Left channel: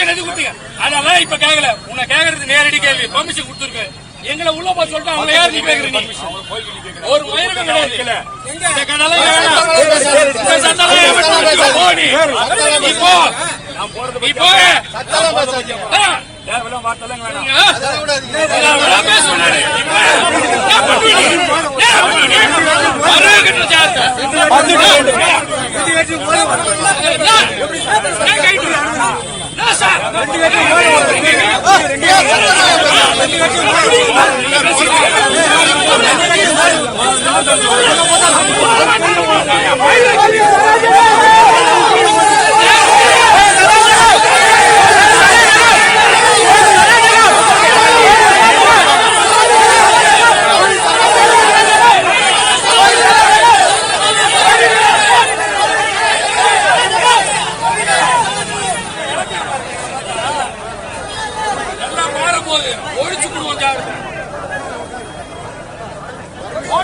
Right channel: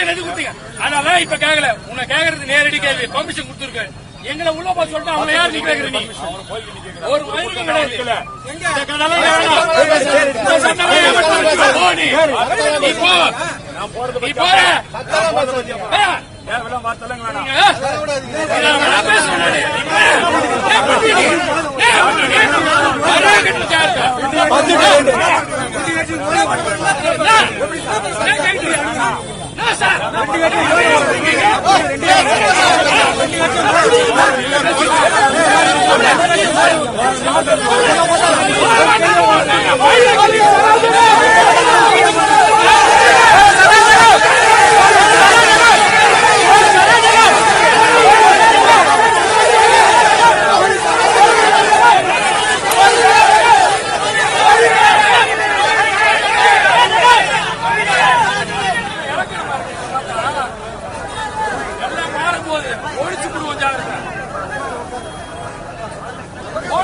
பாத்துக்க அதெல்லாம் இப்ப கேட்கல உன்னை கேக்குறது நேரடி கேள்வி பெர்மிஷன் கொடுத்துருக்கு எங்களை உள்ள போய் சொல்லிட்டு அவங்க யார் நீ கேக்குற நீ ஒரு மயிலுக்கும் கிடையாது ரெண்டு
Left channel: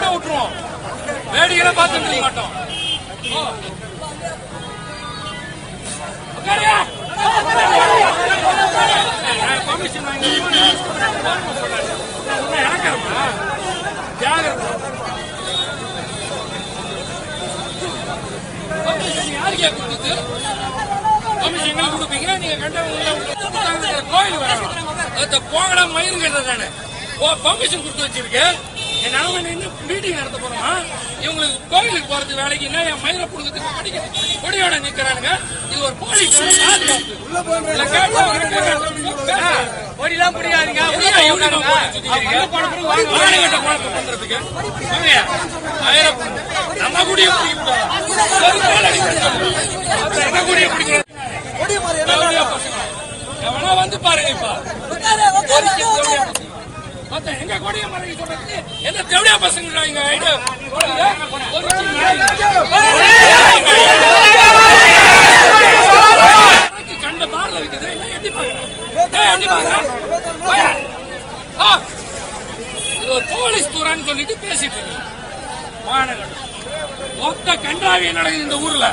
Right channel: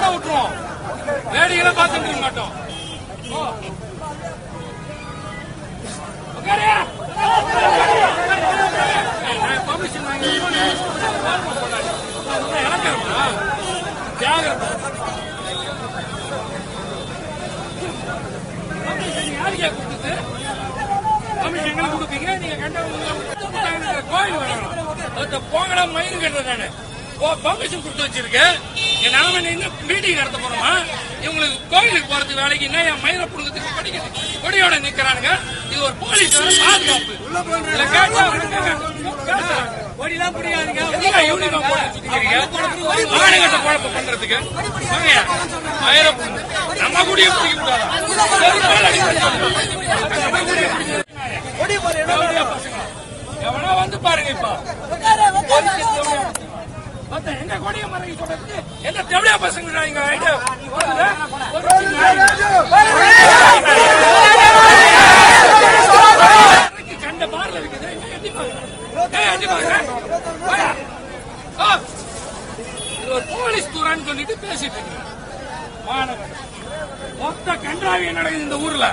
தான் விட்டுருவோம். வேடிக்கை பார்த்துட்டு நிற்க மாட்டோம். ஓ. வாங்கி ஓரமா போடாதீங்க. நான் யாருக்கே கொடுத்தது? எங்களுக்கு கொடுப்பீங்க? நீங்க கண்டவங்க கோயில் வரணும் அந்த போங்கடா மயிறு கட்டுறேன் நான். பர்மிஷன் கொடுத்து வச்சிருக்கேன். நாம நின்று மீட்டிங் நடத்த போறோமா இவங்களுக்கு கோயிலுக்கு போறது வேலைக்கு என்ன என் மயிரை புடுங்கிறதுக்கு கொடி கொடியோட நிக்கிறானுங்க இது ஒரு போலீஸ் பாதுகாப்பு. கொடிலாம் சுத்திக்கிறீங்க? மானங்கெட்ட குழப்பம் பண்றதுக்கு. மயிரை. நம்ம குடியை பிடிக்க கூடாதா? நம்ம குடியை பசங்க. எவனா வந்து பாருங்க இப்ப. மத்த எங்க கொடிய மறைக்க சொல்றதுக்கு எந்த தேவடியா பசங்க இங்க? ஐடியா கண்ட பார்ல இருக்குது. எப்படி பாக்குறான்? எப்படி பாக்குறான்? இது ஒரு போலீஸ் தூரான்னு சொல்லிட்டு பேசிட்டு இருக்கு. மாநகரம் மொத்த கண்டாவி நடக்குது இந்த ஊர்ல.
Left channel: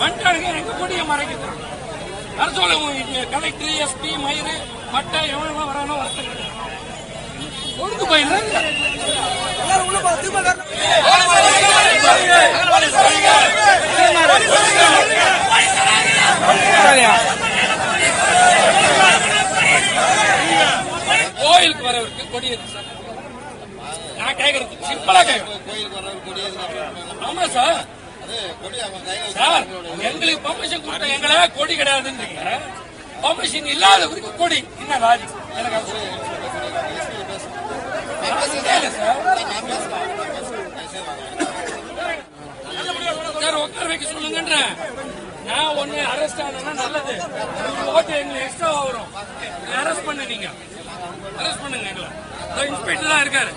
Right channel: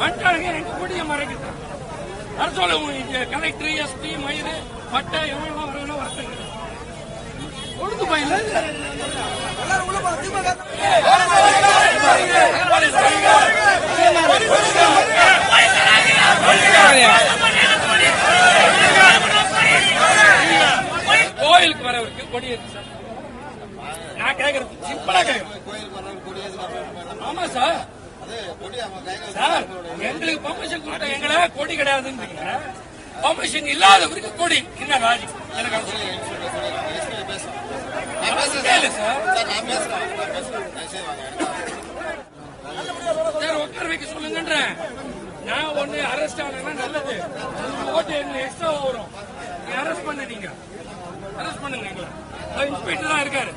வந்துட்டானுங்க எங்க கூடிய மறைக்கிறான் வர சொல்ல கலெக்டர் எஸ்பி மயிறு மட்டை எவன் வரானோ வரத்துக்கு. ஒழுங்கு பயில கோயிலுக்கு வரவருக்கு கொடி இருக்கு சார். நான் கேக்குறது சிம்பிளா கேக்குறேன். கோயிலுக்கு வர்றவர் கொடி ஆமா சார். சார் எங்களுக்கு பர்மிஷன் கொடுத்த எங்களை கொடி கிடையாதுன்றீங்க. பர்மிஷன் இல்லாதவருக்கு கொடி. என்ன ராஜி எனக்கு அது சொல்லுங்க. கேளு சார். சார் உட்கார வைக்க சொல்லுங்கன்றேன் நான் ஒண்ணு அரெஸ்ட் ஆனா நல்லது. ஓகே எங்களுக்கு எக்ஸ்ட்ரா வரும். அரெஸ்ட் பண்ண நீங்க. அரெஸ்ட் பண்ணுங்க எங்களை. இன்ஸ்பெக்டர் தான் இருக்காரு.